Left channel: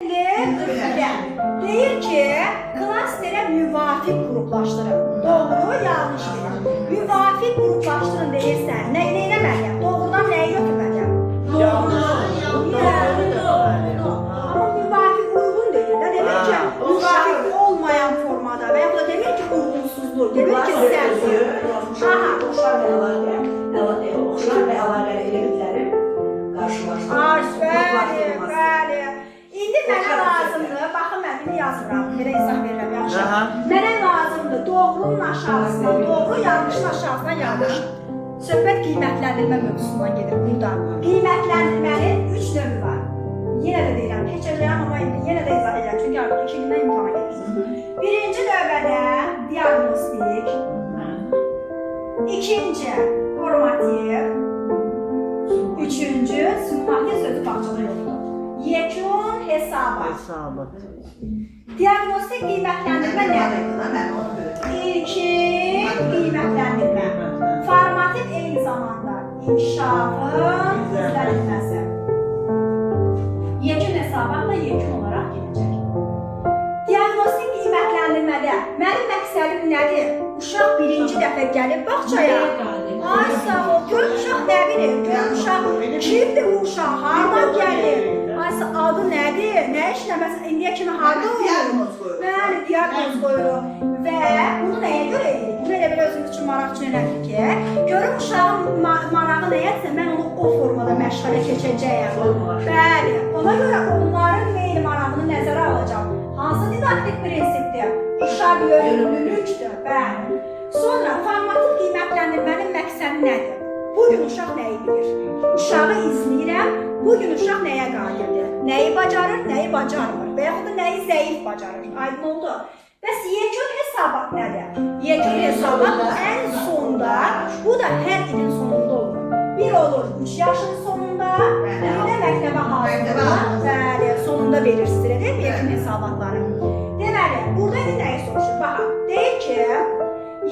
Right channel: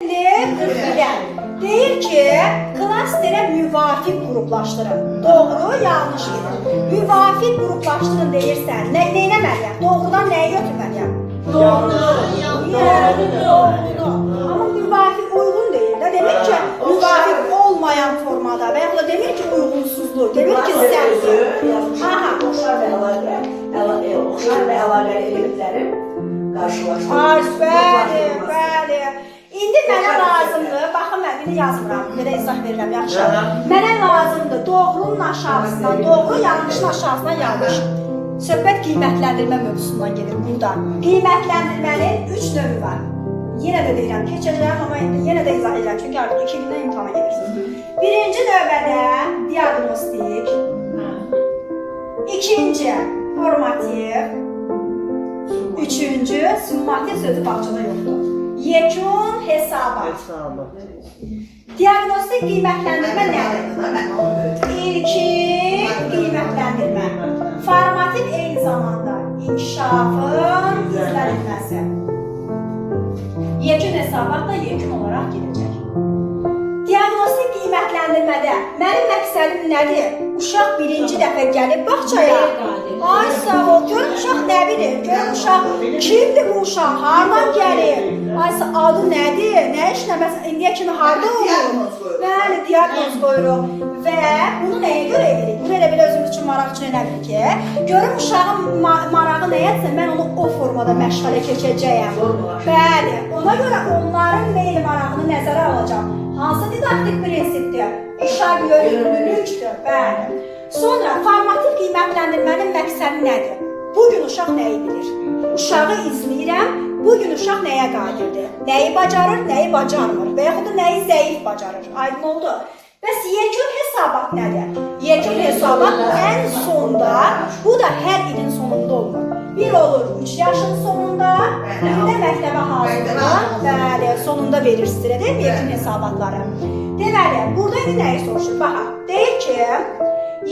Deyir ki, klasterə müvafiq qruplaşdırın. Doğru, yanlış deyir. Müvafiq qruplaşdırın deyirsən, neynəməliyəm? Doğrudan nəyi götürməliyəm? Doğru. Amma müvafiq uyğun deyir də. Demək ki, müvafiq olmayan formada və yaxud da demir ki, uyğunsuzluq. Demir ki, səhvdir. Oxşar və əlaqəli elementlərin qarşılaşdırılması. Bəli. İndi mənə lazımdır, baxın mən bir yazmıram, belə izah verirəm, yaxşı. Mənə lazımdır doğrunun aşağısına doğru, yanlışın aşağısına yanlış. Söhbət qiymətləndirmə mövzusundan gedir burada. Qiymətləndirmənin 3 növü var. Yenə də deyirəm, keçəcəyəm, amma indi yenə də izah edirəm, çünki artıq 2 gündən imtihana gedirsiniz. Birinci növbədə diagnostik, ikinci formativ, üçüncü summativ sözü bağçada yoxdur. Yekun hesabat. Diagnostik qiymətləndirmə nədir? İlkin qiymətləndirmə. Formativ eyni zamanda inkişafın izlənilməsi. Yekun hesabat da yekun olaraq gələcək. Diagnostik qiymətləndirmədə mənim məqsədim nədir? Uşaq birinci dəfə gəlib bağçaya. Ay sağ ol, görün uşaq nə bilir? Görün uşaq kimdir bu uşaq? Hardan gəlir? Ay adı nədir? Nə işləməz? İndiyə kimi harda olur? Bəli, diaqnoz qoyuruq. Və bunu nəyə görə edirik? Bunu elə belə özümüz üçün maraq üçün elədik ki, görün uşağın marağı nəyədirsə, mən onu o formada məşğələ keçəcəyəm. Bəli, ona görə onların meyil marağını nəzərə alacağım. Hansı didaktik prinsipdir? Uşaq yönümlülükdür. Bəli. Sonra formativ qiymətləndirmənin məqsədi nədir? Bugün uşaq nəyi bilir? Uşağı izləyirəm, bugün uşaq nəyə qadirdir? Nəyi bacarır, nəyi bacarmır? Və yaxud da nəyi zəif bacarır? Aydın oldu. Bəs yekun hesabat nədir? Yekun hesabat ən sonda, bu da hər ilin sonunda olur. Bir olur 3 yaşın sonunda, bir də məktəbə hazırlığa, bəli, sonunda verirsiniz, deyil mi yekun hesabatları? Deməli, burada indi nəyi soruşur? Baxa, deyir ki,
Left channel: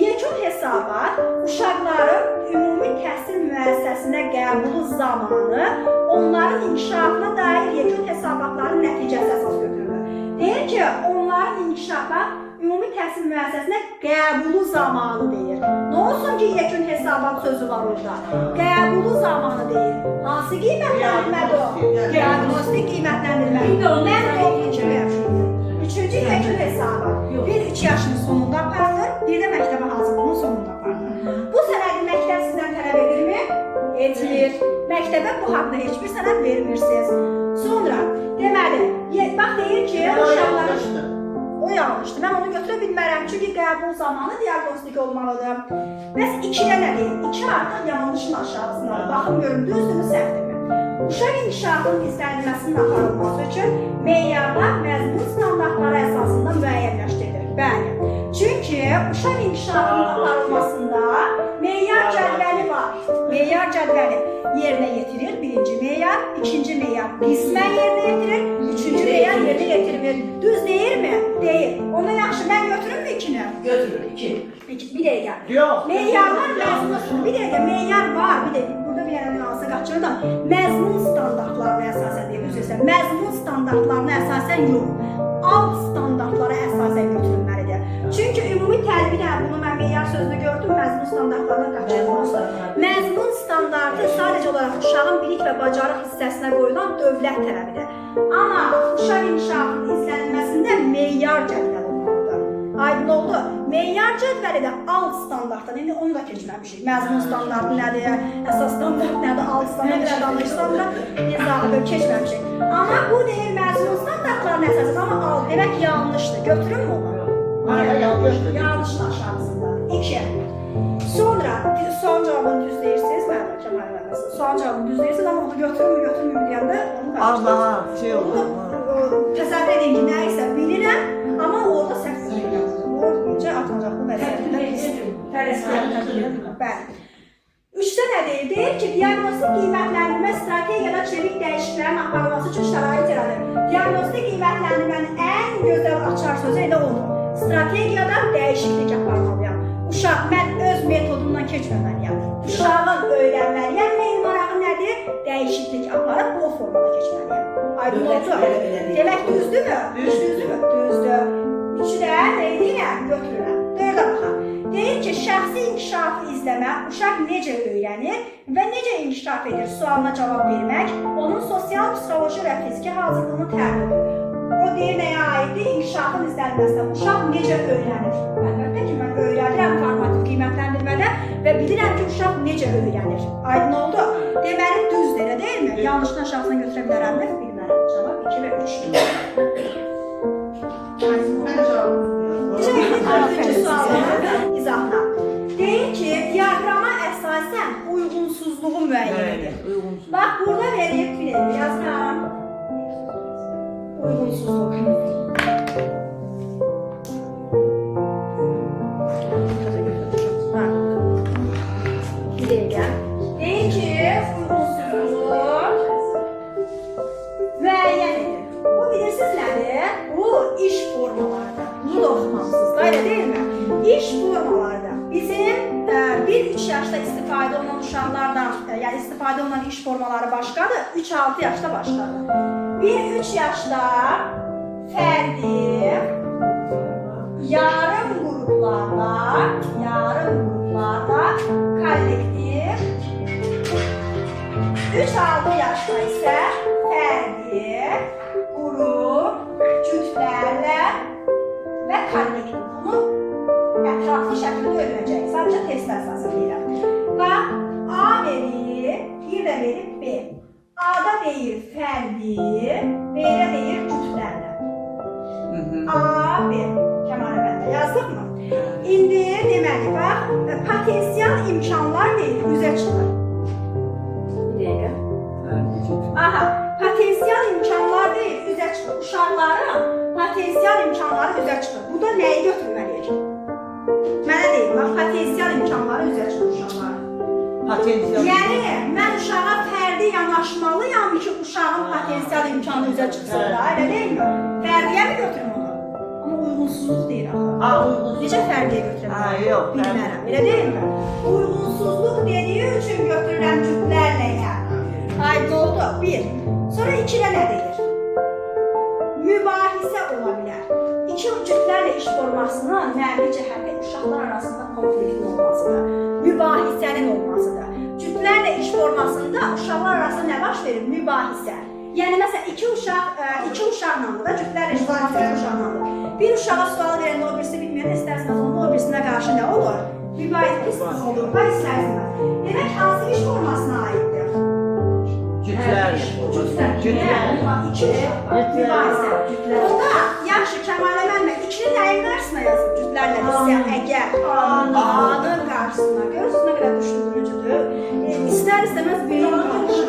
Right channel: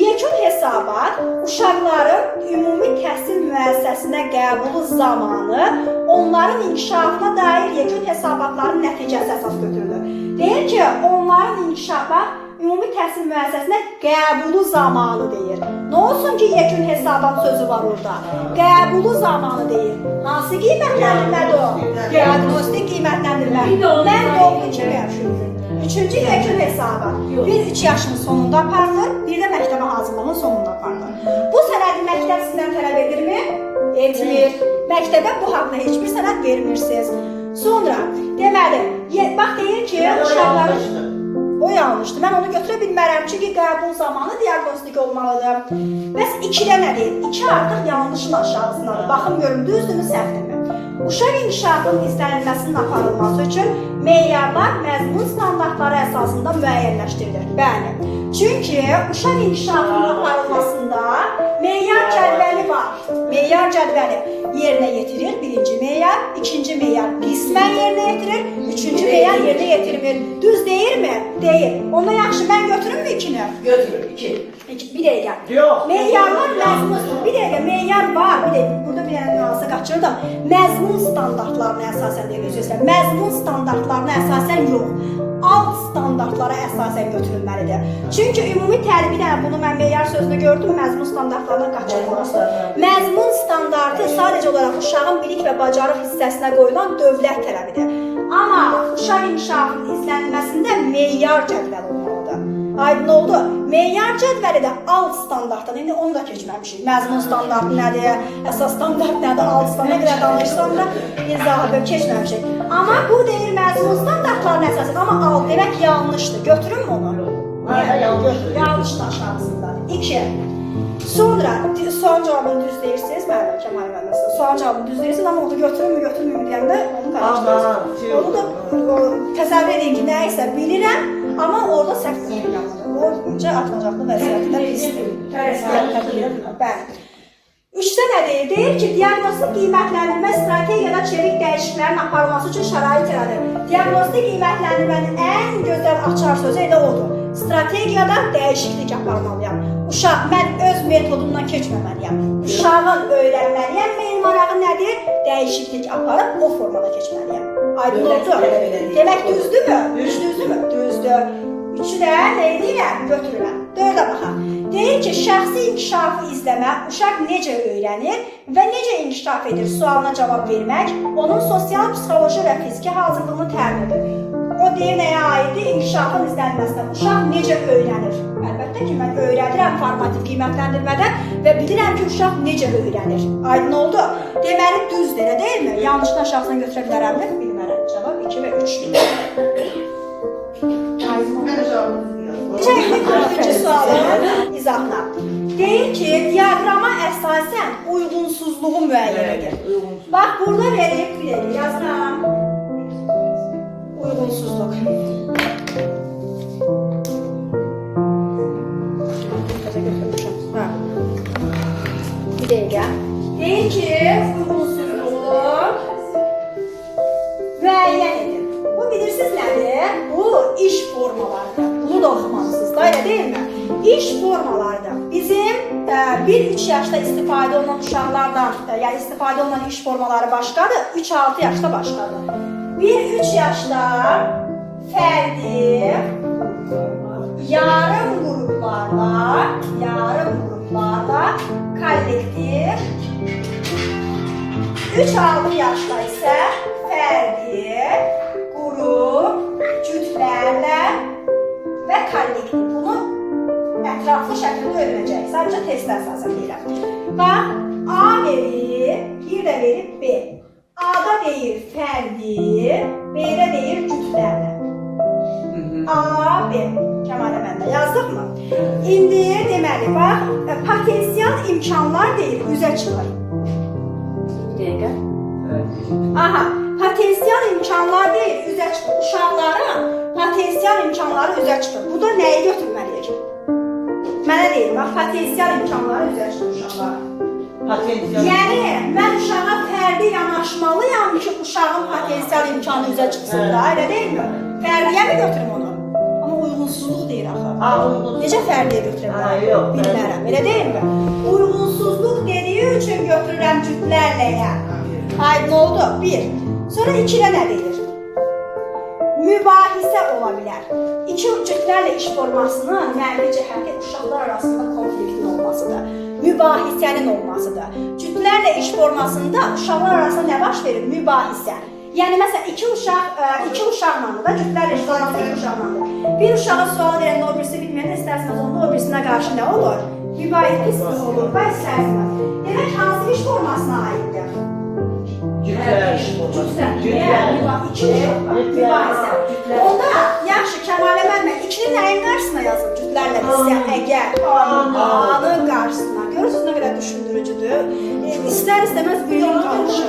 yekun hesabat uşaqların ümumi təhsil müəssisəsinə qəbulu zamanı onların inkişafına dair yekun hesabatların nəticəsi əsas götürülür. Deyir ki, onların inkişafa ümumi təhsil müəssisəsinə qəbulu zamanı deyir. Nə olsun ki, yekun hesabat sözü var orada? Qəbulu zamanı deyir. Hansı qiymətləndirmədir o? Diagnostik qiymətləndirmə. Mən doğru kimi yaşayıram. Üçüncü yekun hesabat. Bir 3 yaşın sonunda aparılır, bir də məktəbə hazırlığın sonunda aparılır. Bu sənədi məktəb sizdən tələb edirmi? Etmir. Məktəbə bu haqda heç bir sənəd vermirsiniz. Sonra, deməli, bax deyir ki, uşaqların... O yanlışdır. Mən onu götürə bilmərəm, çünki qəbul zamanı diagnostik olmalıdır. Bəs 2-də nə deyir? 2 artıq yanlışın aşağısındadır. Baxın, görün, düzdürmü, səhvdirmi? Uşaq inkişafının izlənilməsinin aparılması üçün meyarlar məzmun standartları əsasında müəyyənləşdirilir. Bəli. Çünki uşaq inkişafının aparılmasında meyar cədvəli var. Meyar cədvəli yerinə yetirir. Birinci meyar, ikinci meyar qismən yerinə yetirir, üçüncü meyar yerinə yetirilmir. Düz deyilmi? Deyil. Onda yaxşı, mən götürümmü 2-ni? Götürür, 2. Bir dəqiqə. Meyarlar məzmun, bir dəqiqə, meyar var. Bir dəqiqə, burada bir dənə nüansa qaçırdım. Məzmun standartlarına əsasən deyil, üzrəyirsən. Məzmun standartlarına əsasən yox. Alt standartlara əsasən götürülməlidir. Çünki ümumi təlim, bunu mən meyar sözünü gördüm, məzmun standartlarına qaçırılmışdır. Məzmun standartı sadəcə olaraq uşağın bilik və bacarıq hissəsinə qoyulan dövlət tələbidir. Amma uşaq inkişafının izlənilməsində meyar cədvəli olmalıdır. Aydın oldu. Meyar cədvəli də alt standartdan, indi onu da keçməmişik. Məzmun standartı nədir, əsas standart nədir, alt standart nədir, danışsam da izahı keçməmişik. Amma bu deyil məzmun standartlarına əsasən, amma alt demək yanlışdır. Götürün onu? Yanlışın aşağısındadır. 2. Sonra, son cavabını düz deyirsiniz, mənim Kəmal müəllimə. Son cavabını düz deyirsiniz, amma onu götürünmü, götürmüyümü deyəndə onu qarşılayırsınız. Onu da təsəvvür edin ki, nə isə bilirəm, amma orada səhv edirəm. O incə atmacaqlı vəziyyətdə pisdir. Bəli. 3-də nə deyir? Deyir ki, diagnostik qiymətləndirmə strategiyada çevik dəyişikliklərin aparılması üçün şərait yaradır. Diagnostik qiymətləndirmənin ən gözəl açar sözü elə odur. Strategiyada dəyişiklik aparmalıyam. Uşaq, mən öz metodumdan keçməməliyəm. Uşağın öyrənməliyəm, meyil marağı nədir? Dəyişiklik aparıb o formada keçməliyəm. Aydın oldu. Demək düzdürmü? Düzdürmü? Düzdür. Üçü də nə edirəm? Götürürəm. 4-ə baxaq. Deyir ki, şəxsi inkişafı izləmə, uşaq necə öyrənir və necə inkişaf edir sualına cavab vermək, onun sosial, psixoloji və fiziki hazırlığını təmin edir. O deyir nəyə aiddir? İnkişafın izlənməsinə. Uşaq necə öyrənir? Əlbəttə ki, mən öyrədirəm formativ qiymətləndirmədə və bilirəm ki, uşaq necə öyrənir. Aydın oldu? Deməli, düzdür, elə deyilmi? Yanlışdan şahsına götürə bilərəmmi? Bilmərəm. Cavab 2 və 3. Dördüncü sualın izahına. Deyir ki, diaqrama əsasən uyğunsuzluğu müəyyən edir. Bax, burada verib, yazıram. Uyğunsuzluq. Bir dəqiqə. Deyir ki, uyğunsuzluğu müəyyən edir. Bu bilirsiniz nədir? Bu iş formalarıdır. Bunu da oxumalısınız da, elə deyilmi? İş formalarıdır. Bizim 1-3 yaşda istifadə olunan uşaqlardan, yəni istifadə olunan iş formaları başqadır, 3-6 yaşda başqadır. 1-3 yaşda fərdi, yarım qruplarda, kollektiv, 3-6 yaşda isə fərdi, qrup, cütlərlə və kollektiv. Bunu ətraflı şəkildə öyrənəcək. Sadəcə testə əsasən deyirəm. Bax, A verir, bir də verib B. A-da deyir fərdi, B-də deyir cütlərlə. A, B. Kəmalə məndə yazdıq mı? İndi deməli, bax, potensial imkanlar deyir, üzə çıxır. Bir dəqiqə. Aha, potensial imkanlar deyil, üzə çıxır. Uşaqların potensial imkanları üzə çıxır. Burada nəyi götürməliyik? Mənə deyil, bax, potensial imkanları üzə çıxır uşaqlara. Yəni, mən uşağa fərdi yanaşmalıyam ki, uşağın potensial imkanı üzə çıxsın da, elə deyilmi? Fərdiyə mi götürüm onu? Amma uyğunsuzluq deyir axı. Necə fərdiyə götürəm? Bilmərəm, elə deyilmi? Uyğunsuzluq dediyi üçün götürürəm cütlərləyə. Aydın oldu. 1. Sonra 2-də nə deyir? Mübahisə ola bilər. İki cütlərlə iş formasının mənfi cəhəti uşaqlar arasında konfliktin olmasıdır. Mübahisənin olmasıdır. Cütlərlə iş formasında uşaqlar arasında nə baş verir? Mübahisə. Yəni, məsələn, iki uşaqla da, cütlərlə iş forması iki uşaqla da. Bir uşağa sual verəndə o birisi bilməyən, istərsiniz onda o birisinə qarşı nə olur? Mübahisə olur, istərsiniz. Demək, hansı iş formasına aiddir? Onda yaxşı, Kəmalə müəllimə, 2-ni nəyin qarşısına yazıb cütlərlə istəyən əgər A-nın qarşısına. Görürsünüz nə qədər düşündürücüdür. İstər-istəməz beyin qarışır.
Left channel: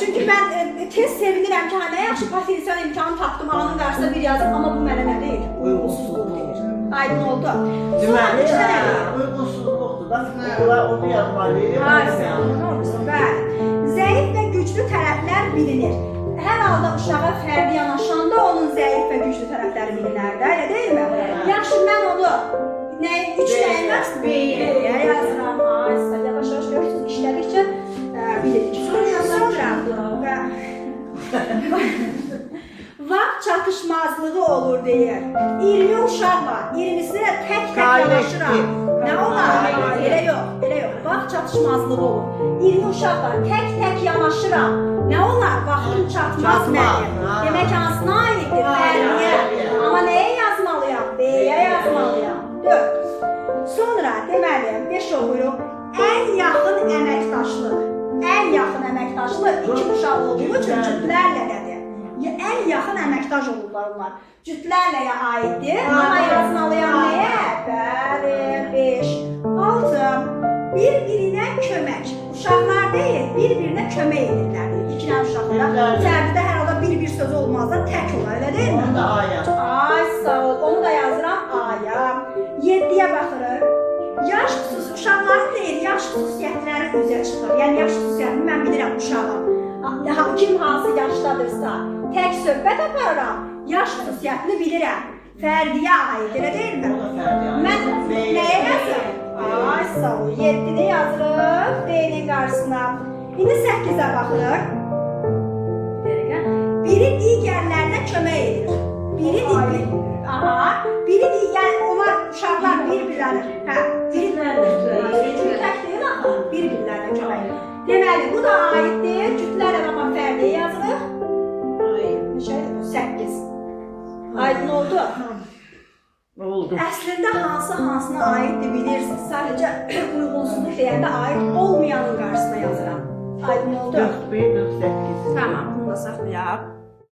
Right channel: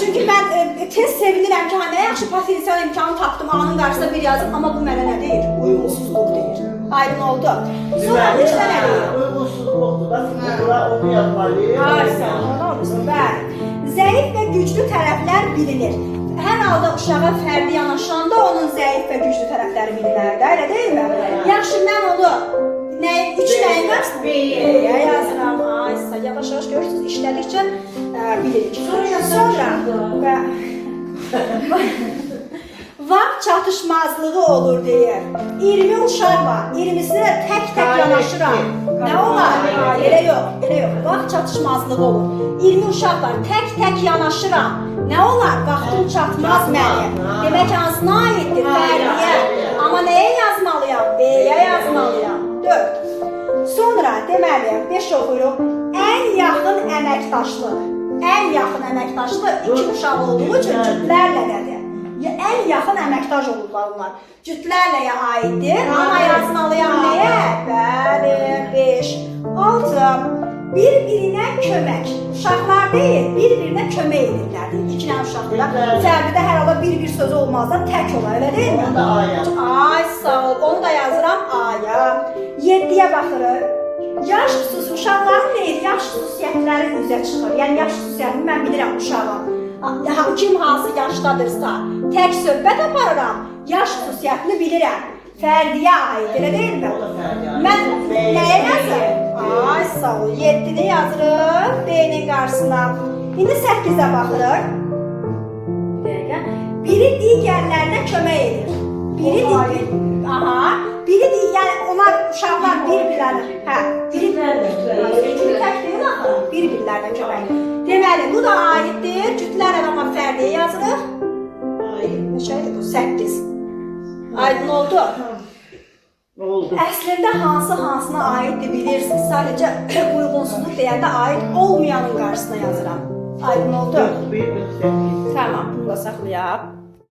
Çünki mən tez sevinirəm ki, nə yaxşı potensial imkanı tapdım, A-nın qarşısına bir yazım, amma bu mənə nə deyir? Uyğunsuzluq deyir. Aydın oldu. Sonra 3-də nə deyir? Uyğunsuzluqdur da, bura onu yazmalıyım. Harsən, onu olmuşsun, bəli. Zəif və güclü tərəflər bilinir. Hər halda uşağa fərdi yanaşanda onun zəif və güclü tərəfləri bilinər də, elə deyilmi? Yaxşı, mən onu 3 nəyin qarşısına? B-yə yazıram. Yavaş-yavaş görürsünüz, işlədikcə bilirik. Sonra vaxt çatışmazlığı olur deyir. 20 uşaq var, 20'si də tək-tək yanaşıram. Nə olar? Elə yox. Vaxt çatışmazlığı olur. 20 uşaq var, tək-tək yanaşıram. Nə olar? Vaxtım çatmaz mənə. Demək, hansına aiddir? Fərdiyə. Amma nəyə yazmalıyam? B-yə yazmalıyam. 4. Sonra deməli, 5 oxuyuruq. Ən yaxın əməkdaşlıq. Ən yaxın əməkdaşlıq 2 uşaq olduğu üçün cütlərlə nədir? Ən yaxın əməkdaş olurlar onlar. Cütlərləyə aiddir. Amma yazmalıyam nəyə? Bəli, 5. 6. Bir-birinə kömək. Uşaqlar deyil, bir-birinə kömək edirlər deyil. 2 dənə uşaqlar. Fərdidə hər halda bir sözü olmaz da tək olar, elə deyil mi? Onu da A-ya. Ay, sağ ol. Onu da yazıram A-ya. 7-yə baxırıq. Yaş xüsusi, uşaqların deyil, yaş xüsusiyyətləri üzə çıxır. Yəni, yaş xüsusiyyətini mən bilirəm uşağın. Kim hansı yaşdadırsa, tək söhbət aparıram, yaş xüsusiyyətini bilirəm. Fərdiyə aid, elə deyil mi? Mən nəyə yazırım? Ay, sağ ol. 7-ni yazırıq B-nin qarşısına. İndi 8-ə baxırıq. biri digərlərinə kömək edir. Biri yəni onlar uşaqlar bir-birlərinə, bir-birlərinə kömək. Deməli, bu da aiddir. Cütlər adama fərdiyə yazırıq. Neçəydi bu? 8. Aydın oldu. Oldu. Əslində hansına aiddir bilirsiniz. Sadəcə uyğunsuzluq deyəndə aid olmayanın qarşısına yazıram. Aydın oldu. 41, 48. Tamam, bunu da saxlayaq.